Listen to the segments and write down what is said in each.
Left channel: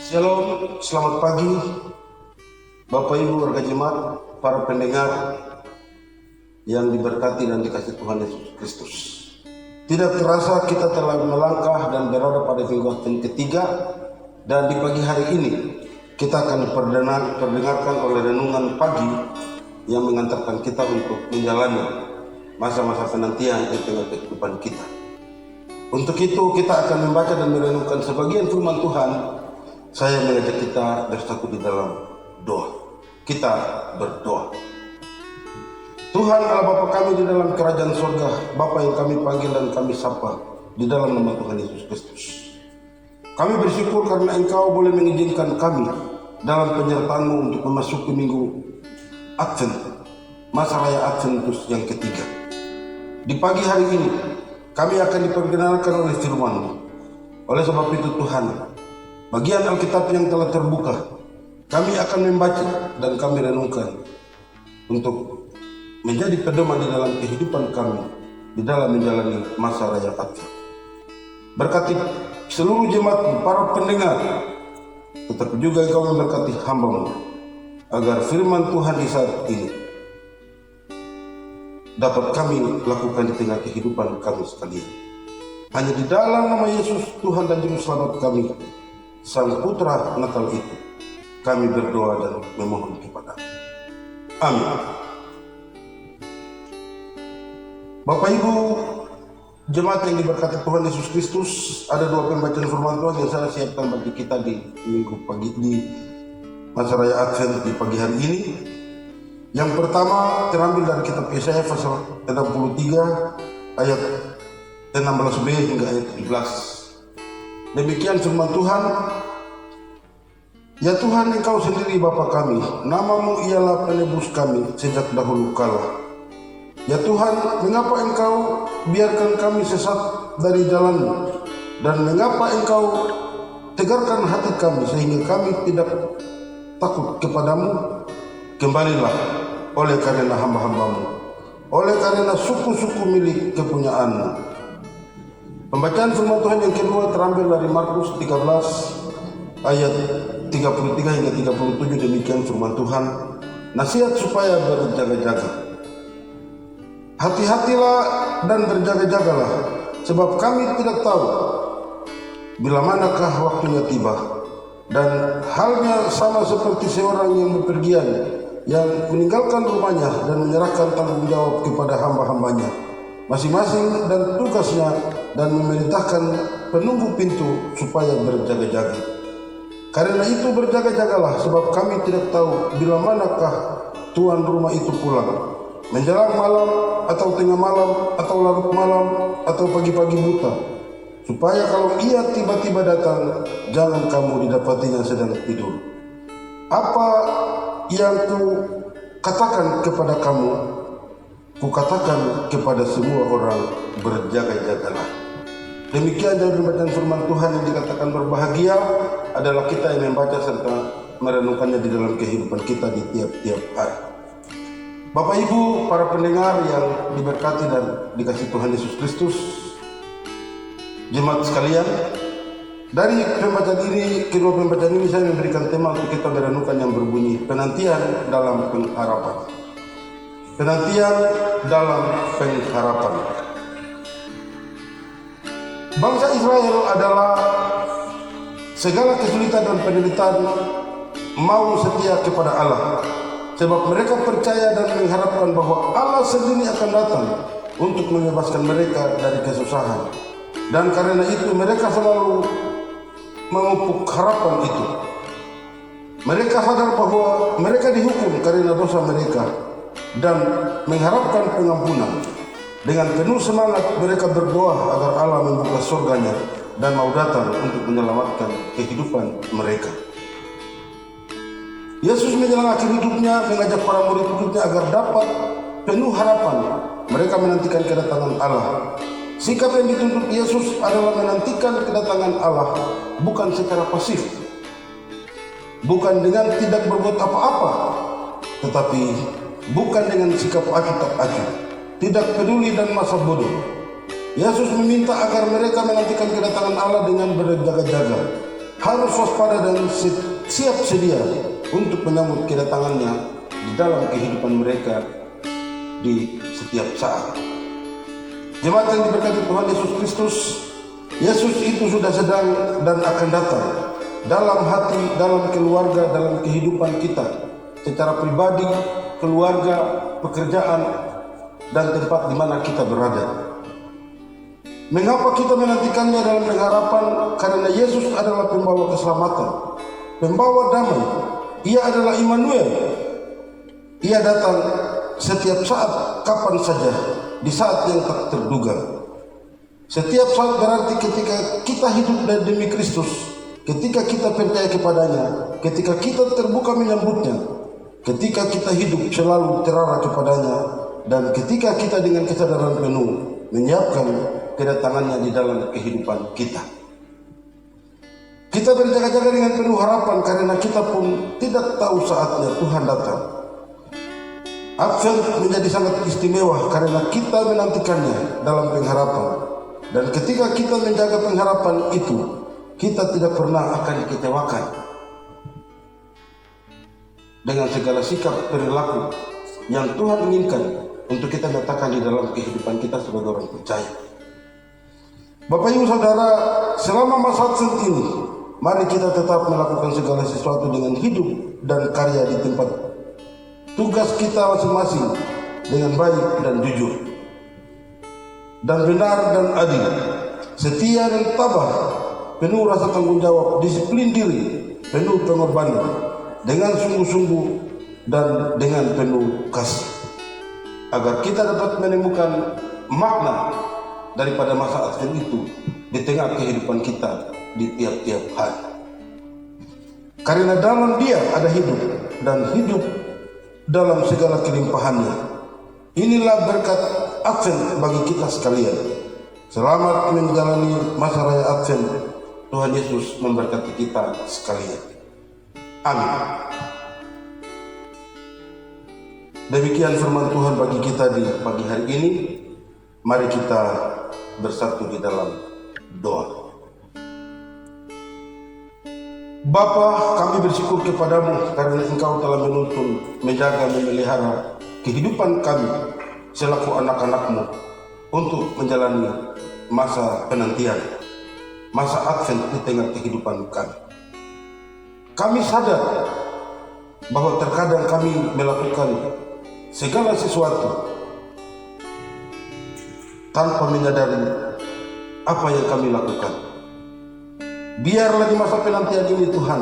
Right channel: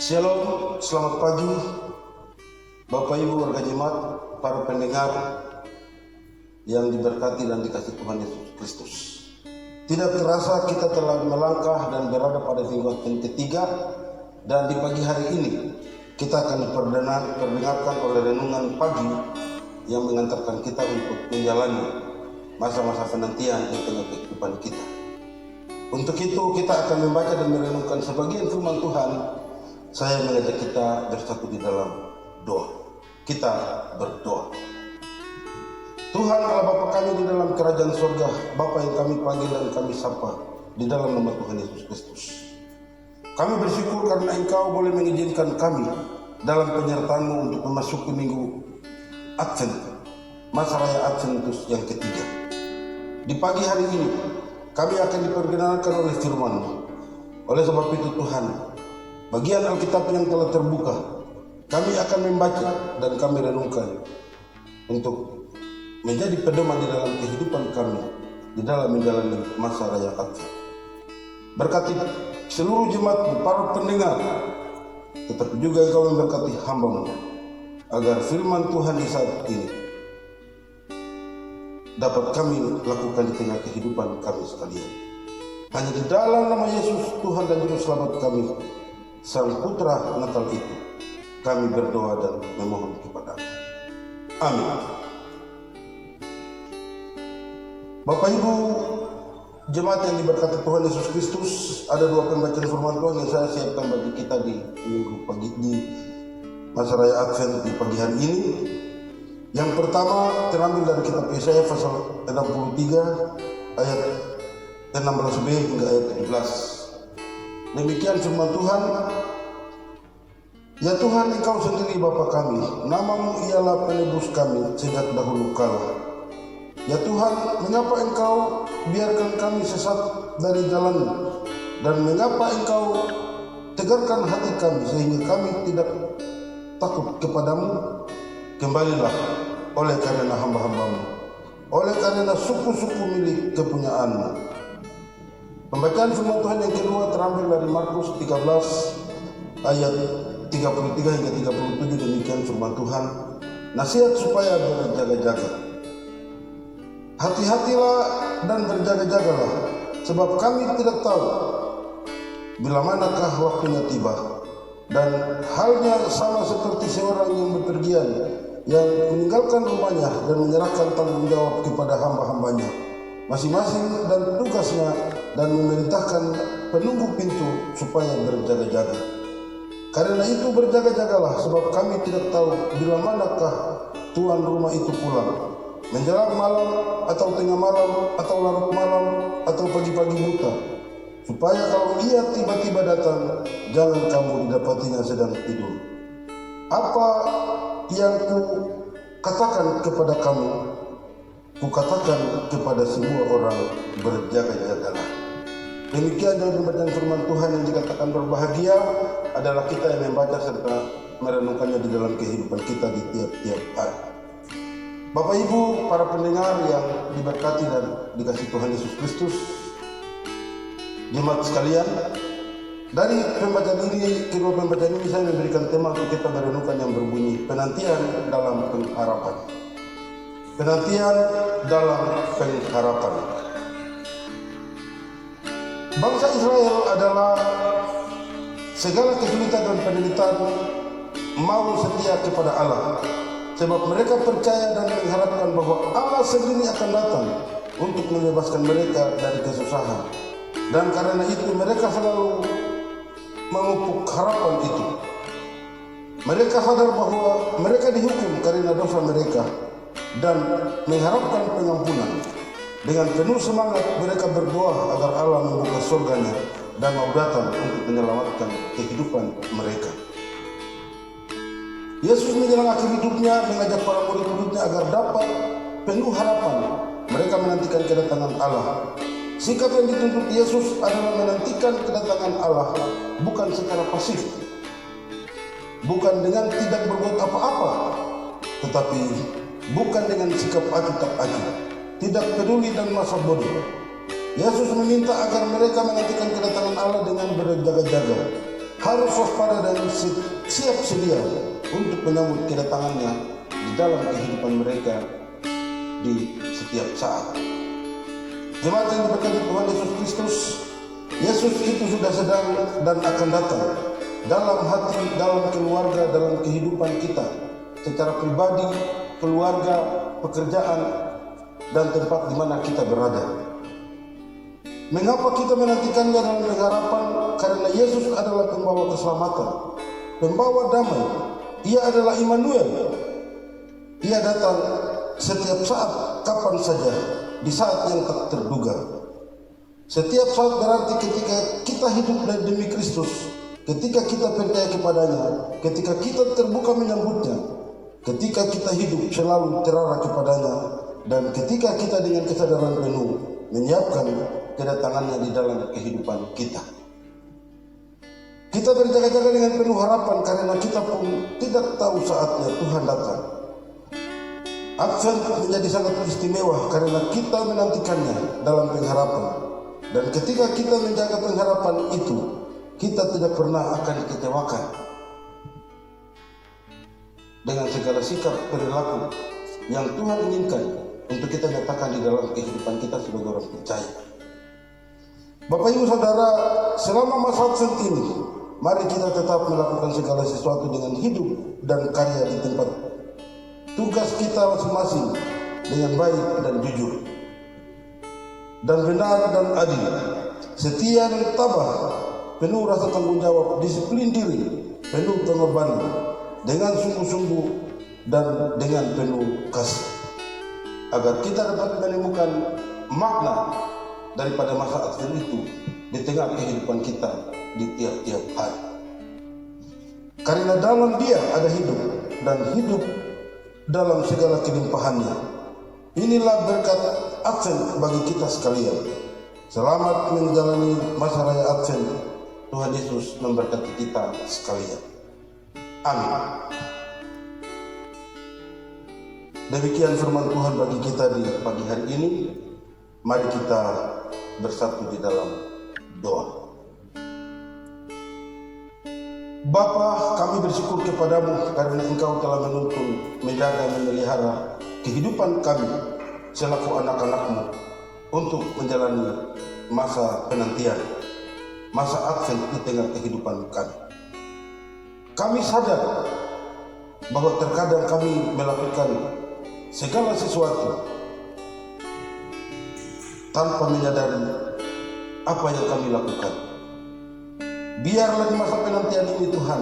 Shalom, selamat pagi Bapak Ibu warga jemaat, para pendengar yang diberkati dan dikasihi Tuhan Yesus Kristus. Tidak terasa kita telah melangkah dan berada pada minggu yang ketiga, dan di pagi hari ini kita akan diperdengarkan oleh renungan pagi yang mengantarkan kita untuk menjalani masa-masa penantian di tengah kehidupan kita. Untuk itu kita akan membaca dan merenungkan sebagian firman Tuhan. Saya mengajak kita bersatu di dalam doa. Kita berdoa. Tuhan Allah Bapa kami di dalam kerajaan surga, Bapa yang kami panggil dan kami sapa di dalam nama Tuhan Yesus Kristus. Kami bersyukur karena Engkau boleh mengizinkan kami dalam penyertaan-Mu untuk memasuki minggu Advent, masa raya Adventus yang ketiga. Di pagi hari ini kami akan diperkenalkan oleh firman-Mu. Oleh sebab itu Tuhan, bagian Alkitab yang telah terbuka, kami akan membaca dan kami renungkan untuk menjadi pedoman di dalam kehidupan kami di dalam menjalani masa raya Advent. Berkati seluruh jemaat, para pendengar, tetapi juga Engkau memberkati hamba-Mu agar firman Tuhan di saat ini dapat kami lakukan di tengah kehidupan kami sekalian. Hanya di dalam nama Yesus Tuhan dan Juru Selamat kami, Sang Putra Natal itu, kami berdoa dan memohon kepada Amin. Bapak Ibu jemaat yang diberkati Tuhan Yesus Kristus, ada dua pembacaan firman Tuhan yang saya siapkan bagi kita di minggu pagi di masa raya Advent di pagi hari ini. Yang pertama terambil dari kitab Yesaya pasal 63 ayat 16b hingga ayat 17. Demikian firman Tuhan. Ya Tuhan, Engkau sendiri Bapa kami, nama-Mu ialah penebus kami sejak dahulu kala. Ya Tuhan, mengapa Engkau biarkan kami sesat dari jalan-Mu, dan mengapa Engkau tegarkan hati kami sehingga kami tidak takut kepadamu? Kembalilah oleh karena hamba-hamba-Mu, oleh karena suku-suku milik kepunyaan-Mu. Pembacaan firman Tuhan yang kedua terambil dari Markus 13 ayat 33 hingga 37. Demikian firman Tuhan. Nasihat supaya berjaga-jaga. Hati-hatilah dan berjaga-jagalah, sebab kami tidak tahu bila manakah waktunya tiba. Dan halnya sama seperti seorang yang bepergian, yang meninggalkan rumahnya dan menyerahkan tanggung jawab kepada hamba-hambanya masing-masing dan tugasnya, dan memerintahkan penunggu pintu supaya berjaga-jaga. Karena itu berjaga-jagalah, sebab kami tidak tahu bila manakah tuan rumah itu pulang, menjelang malam atau tengah malam atau larut malam atau pagi-pagi buta, supaya kalau ia tiba-tiba datang, jangan kamu didapatinya sedang tidur. Apa yang ku katakan kepada kamu, kukatakan kepada semua orang, berjaga-jagalah. Demikian dari pembacaan firman Tuhan yang dikatakan berbahagia adalah kita yang membaca serta merenungkannya di dalam kehidupan kita di tiap-tiap hari. Bapak Ibu, para pendengar yang diberkati dan dikasihi Tuhan Yesus Kristus, jemaat sekalian, dari pembacaan ini, kedua pembacaan ini saya memberikan tema untuk kita merenungkan yang berbunyi penantian dalam pengharapan. Penantian dalam pengharapan. Bangsa Israel adalah segala kesulitan dan penderitaan mau setia kepada Allah, sebab mereka percaya dan mengharapkan bahwa Allah sendiri akan datang untuk membebaskan mereka dari kesusahan. Dan karena itu mereka selalu memupuk harapan itu. Mereka sadar bahwa mereka dihukum karena dosa mereka dan mengharapkan pengampunan. Dengan penuh semangat mereka berdoa agar Allah membuka surganya dan mau datang untuk menyelamatkan kehidupan mereka. Yesus menjelang akhir hidupnya mengajak para murid-muridnya agar dapat penuh harapan. Mereka menantikan kedatangan Allah. Sikap yang dituntut Yesus adalah menantikan kedatangan Allah bukan secara pasif, bukan dengan tidak berbuat apa-apa, tetapi bukan dengan sikap acuh tak acuh, tidak peduli dan masa bodoh. Yesus meminta agar mereka menantikan kedatangan Allah dengan berjaga-jaga. harus waspada dan siap sedia untuk menyambut kedatangannya di dalam kehidupan mereka di setiap saat. Jemaat yang diberkati Tuhan Yesus Kristus, Yesus itu sudah sedang dan akan datang dalam hati, dalam keluarga, dalam kehidupan kita secara pribadi, keluarga, pekerjaan, dan tempat di mana kita berada. Mengapa kita menantikannya dalam pengharapan? Karena Yesus adalah pembawa keselamatan, pembawa damai. Ia adalah Immanuel. Ia datang setiap saat, kapan saja, di saat yang tak terduga. Setiap saat berarti ketika kita hidup demi Kristus, ketika kita percaya kepadanya, ketika kita terbuka menyambutnya, ketika kita hidup selalu terarah kepadanya, dan ketika kita dengan kesadaran penuh menyiapkan kedatangannya di dalam kehidupan kita. Kita berjaga-jaga dengan penuh harapan karena kita pun tidak tahu saatnya Tuhan datang. Advent menjadi sangat istimewa karena kita menantikannya dalam pengharapan. Dan ketika kita menjaga pengharapan itu, kita tidak pernah akan dikecewakan dengan segala sikap perilaku yang Tuhan inginkan untuk kita nyatakan di dalam kehidupan kita sebagai orang percaya. Bapak Ibu Saudara, selama masa Advent ini, mari kita tetap melakukan segala sesuatu dengan hidup dan karya di tempat tugas kita masing-masing dengan baik dan jujur, dan benar dan adil, setia dan tabah, penuh rasa tanggung jawab, disiplin diri, penuh pengorbanan, dengan sungguh-sungguh dan dengan penuh kasih, agar kita dapat menemukan makna daripada masa Advent itu di tengah kehidupan kita di tiap-tiap hari. Karena dalam Dia ada hidup, dan hidup dalam segala kelimpahannya. Inilah berkat Advent bagi kita sekalian. Selamat menjalani masa raya Advent. Tuhan Yesus memberkati kita sekalian. Amin. Demikian firman Tuhan bagi kita di pagi hari ini. Mari kita bersatu di dalam doa. Bapa, kami bersyukur kepadamu karena Engkau telah menuntun, menjaga, memelihara kehidupan kami selaku anak-anak-Mu untuk menjalani masa penantian, masa Advent di tengah kehidupan kami. Kami sadar bahwa terkadang kami melakukan segala sesuatu tanpa menyadari apa yang kami lakukan. Biarlah di masa penantian ini Tuhan,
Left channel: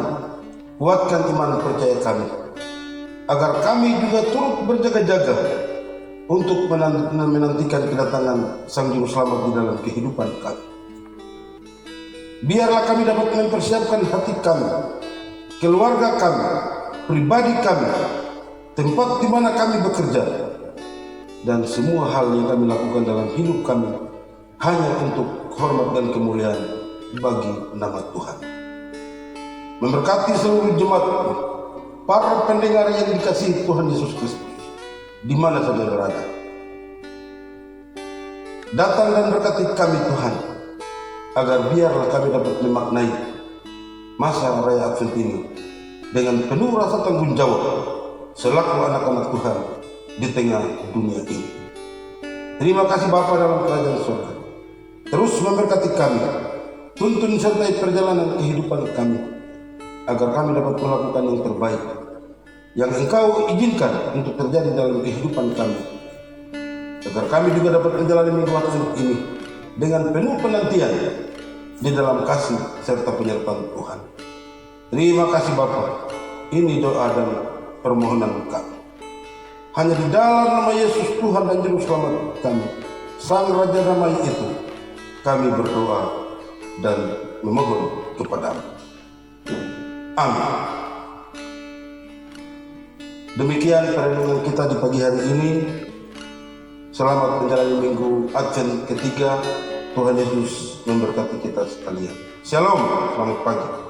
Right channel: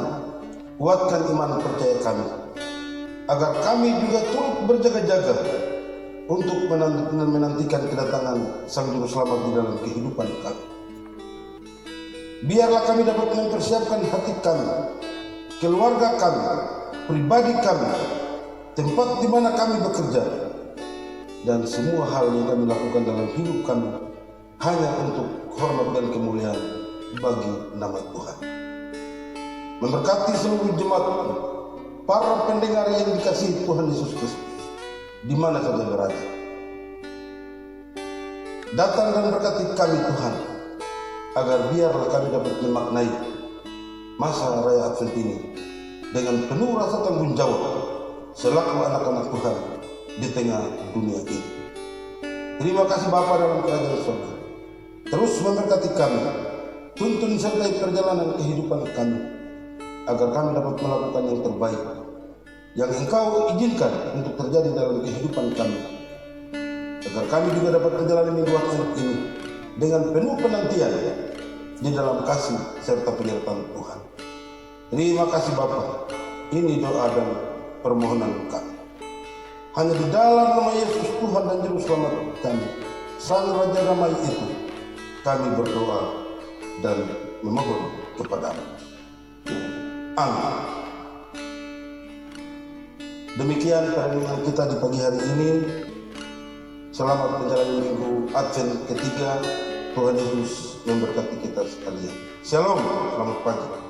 kuatkan iman percaya kami, agar kami juga turut berjaga-jaga untuk menantikan kedatangan Sang Juru Selamat di dalam kehidupan kami. Biarlah kami dapat mempersiapkan hati kami, keluarga kami, pribadi kami, tempat di mana kami bekerja, dan semua hal yang kami lakukan dalam hidup kami hanya untuk hormat dan kemuliaan bagi nama Tuhan. Memberkati seluruh jemaat, para pendengar yang dikasihi Tuhan Yesus Kristus, di mana saja berada. Datang dan berkati kami Tuhan, agar biarlah kami dapat memaknai masa raya Advent ini dengan penuh rasa tanggung jawab selaku anak-anak Tuhan di tengah dunia ini. Terima kasih Bapa dalam kerajaan surga. Terus memberkati kami, tuntun sertai perjalanan kehidupan kami, agar kami dapat melakukan yang terbaik yang Engkau izinkan untuk terjadi dalam kehidupan kami, agar kami juga dapat menjalani minggu Advent ini dengan penuh penantian di dalam kasih serta penyertaan Tuhan. Terima kasih Bapa. Ini doa dan permohonan kami. Hanya di dalam nama Yesus Tuhan dan Juru Selamat kami, Sang Raja Damai itu, kami berdoa dan memohon kepadamu. Amin. Demikian perenungan kita di pagi hari ini. Selamat menjalani minggu Advent ketiga. Tuhan Yesus memberkati kita sekalian. Shalom, selamat pagi.